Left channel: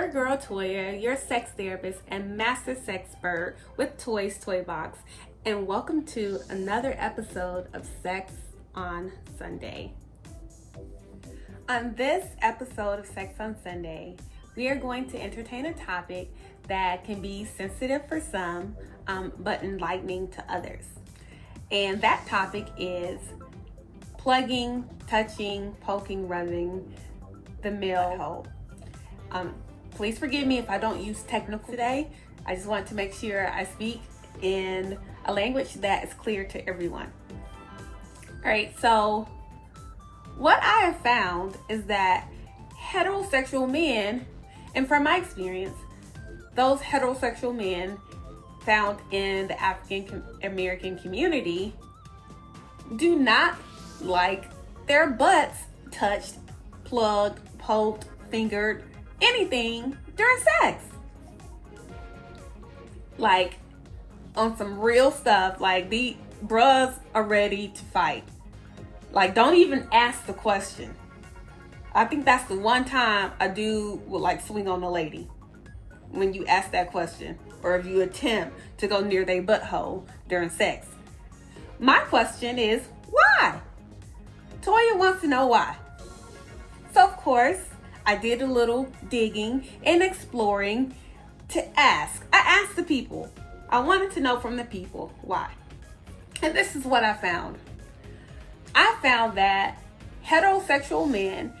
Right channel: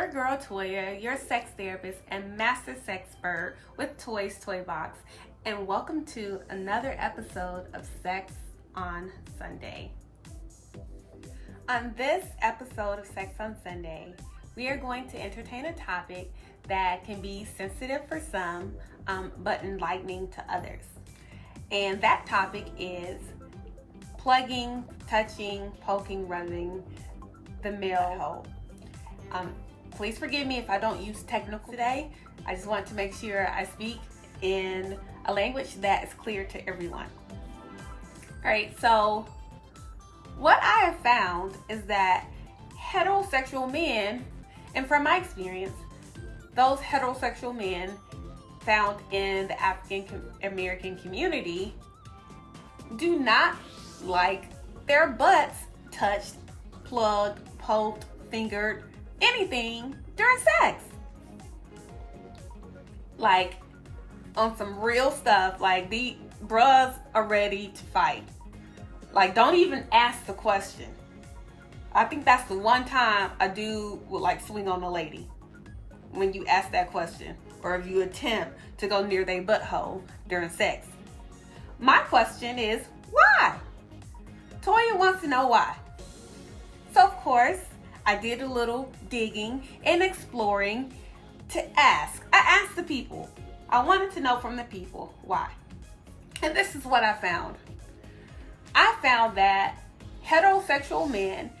your girl Toya, your sex therapist and master sexpert with Toy's Toy Box, and welcome to another episode of Sex on Sunday. On this episode of Sex on Sunday, we are going to entertain a topic that can be sensitive for some, but enlightening to others. And that topic is plugging, touching, poking, rubbing the male hole. Please forgive me if I don't use technical today. I just want to make sure I speak in a language that is clear to everyone. All right, so what I have found is that heterosexual men, and from my experience, those heterosexual men found in the African American community do not like their butts touched, plugged, poked, fingered, anything during sex. Like, on some real stuff, like the bros are ready to fight. Like, don't even ask the question. I think that's the one time a dude would like swing on a lady, when you ask that question, or if you attempt to go near their butthole during sex. My question is, why? Toya wants to know why. So of course, I did a little digging and exploring to ask. I asked the people. I wanted to know from the people why. And this is what I found. I found that heterosexual men,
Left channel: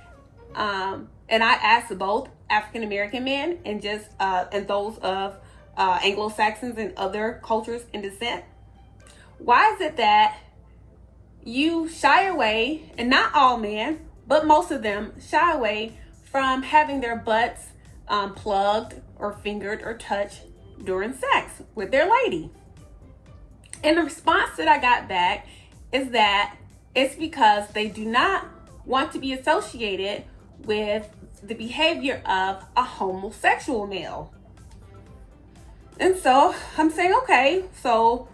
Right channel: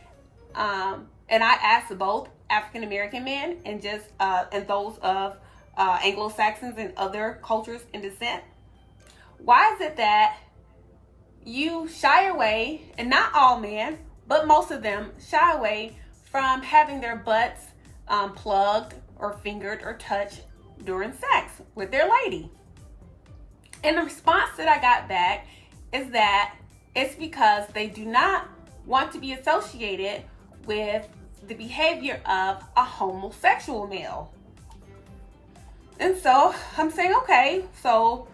and I asked both African American men and and those of Anglo-Saxons and other cultures in descent. Why is it that you shy away, and not all men, but most of them shy away from having their butts plugged or fingered or touched during sex with their lady? And the response that I got back is that it's because they do not want to be associated with the behavior of a homosexual male. And so I'm saying, okay, so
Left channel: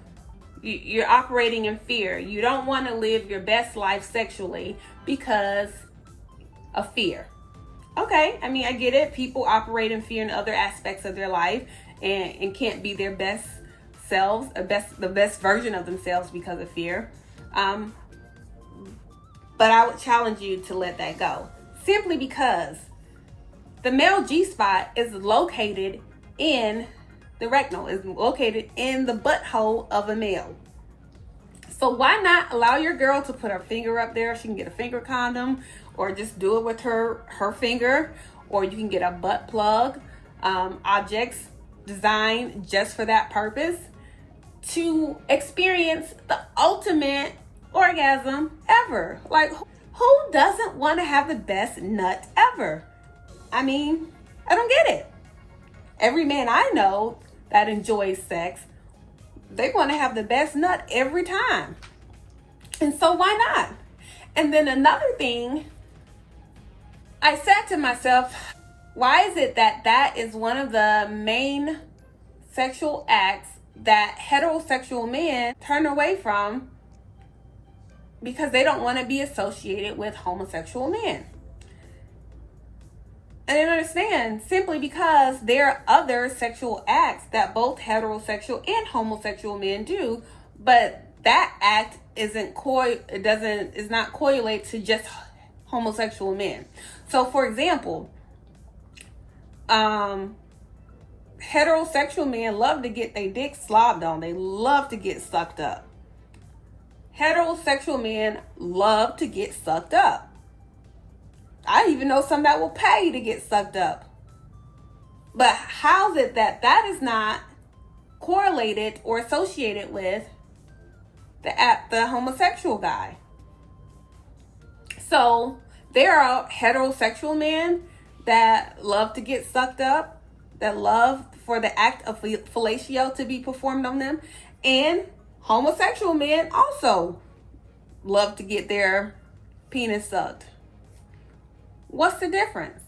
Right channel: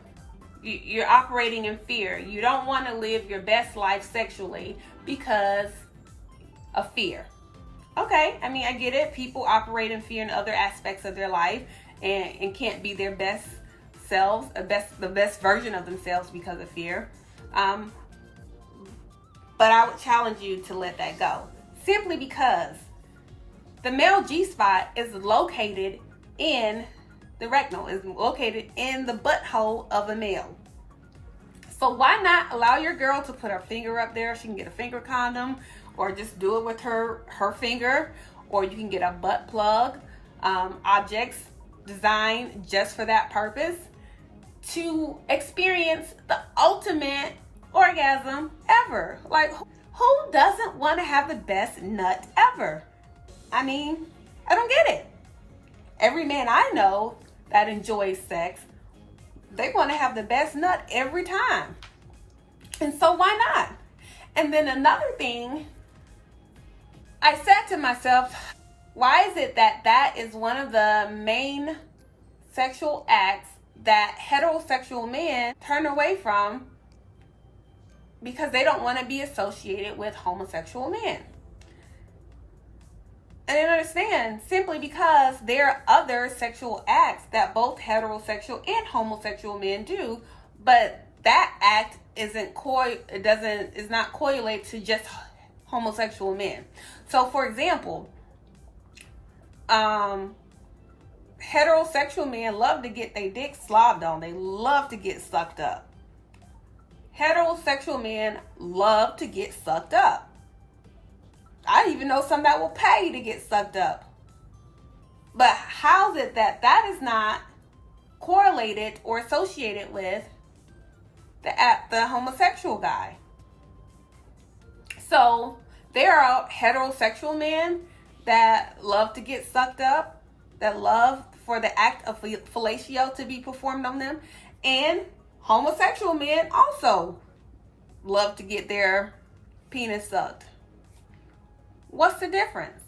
you're operating in fear. You don't want to live your best life sexually because of fear. Okay, I mean, I get it. People operate in fear in other aspects of their life and can't be their best selves, the best version of themselves because of fear. But I would challenge you to let that go. Simply because the male G-spot is located in the rectum, is located in the butthole of a male. So why not allow your girl to put her finger up there? She can get a finger condom, or just do it with her finger, or you can get a butt plug, objects designed just for that purpose, to experience the ultimate orgasm ever. Like, who doesn't want to have the best nut ever? I mean, I don't get it. Every man I know that enjoys sex, they want to have the best nut every time. And so why not? And then another thing, I said to myself, why is it that that is one of the main sexual acts that heterosexual men turn away from because they don't want to be associated with homosexual men? I didn't understand, simply because there are other sexual acts that both heterosexual and homosexual men do, but that act is not correlated to just homosexual men. So for example, heterosexual men love to get their dick slobbed on. They love to get sucked up. Heterosexual men love to get sucked up. I even know some that will pay to get sucked up. But how is it that that is not correlated or associated with the homosexual guy? So there are heterosexual men that love to get sucked up, that love for the act of fellatio to be performed on them, and homosexual men also love to get their penis sucked. What's the difference?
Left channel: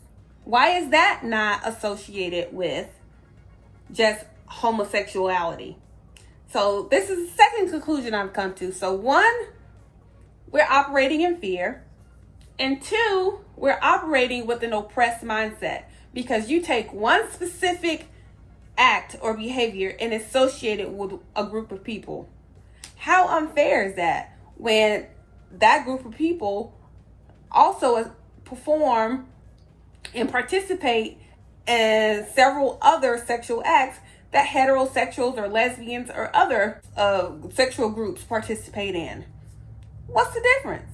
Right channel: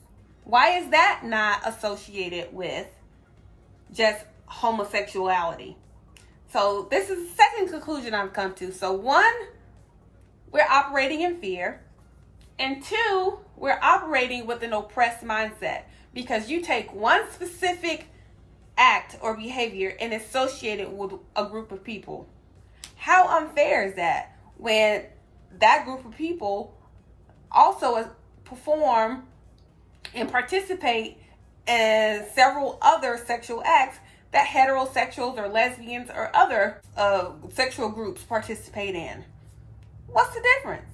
Why is that not associated with just homosexuality? So this is the second conclusion I've come to. So one, we're operating in fear. And two, we're operating with an oppressed mindset because you take one specific act or behavior and associate it with a group of people. How unfair is that when that group of people also perform and participate in several other sexual acts that heterosexuals or lesbians or other sexual groups participate in? What's the difference?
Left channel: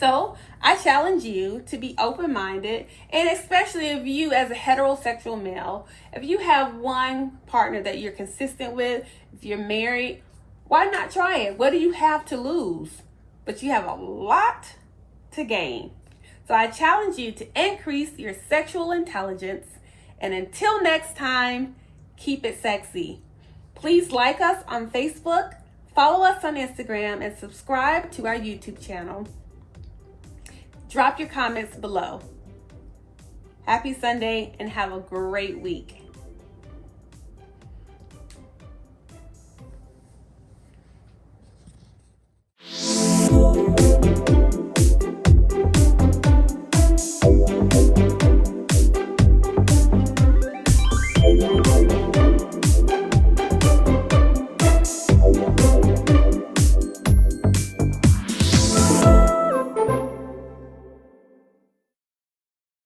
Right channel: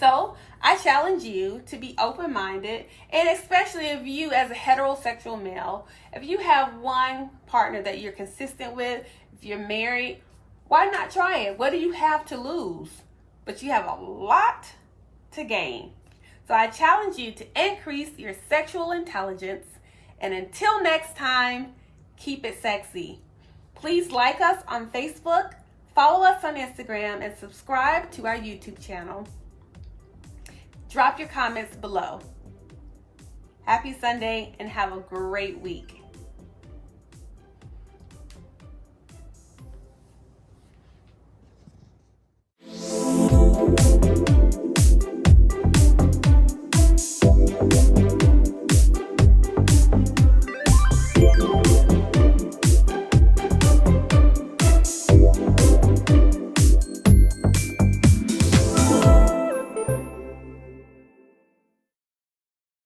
So I challenge you to be open-minded, and especially if you, as a heterosexual male, if you have one partner that you're consistent with, if you're married, why not try it? What do you have to lose? But you have a lot to gain. So I challenge you to increase your sexual intelligence, and until next time, keep it sexy. Please like us on Facebook, follow us on Instagram, and subscribe to our YouTube channel. Drop your comments below. Happy Sunday and have a great week.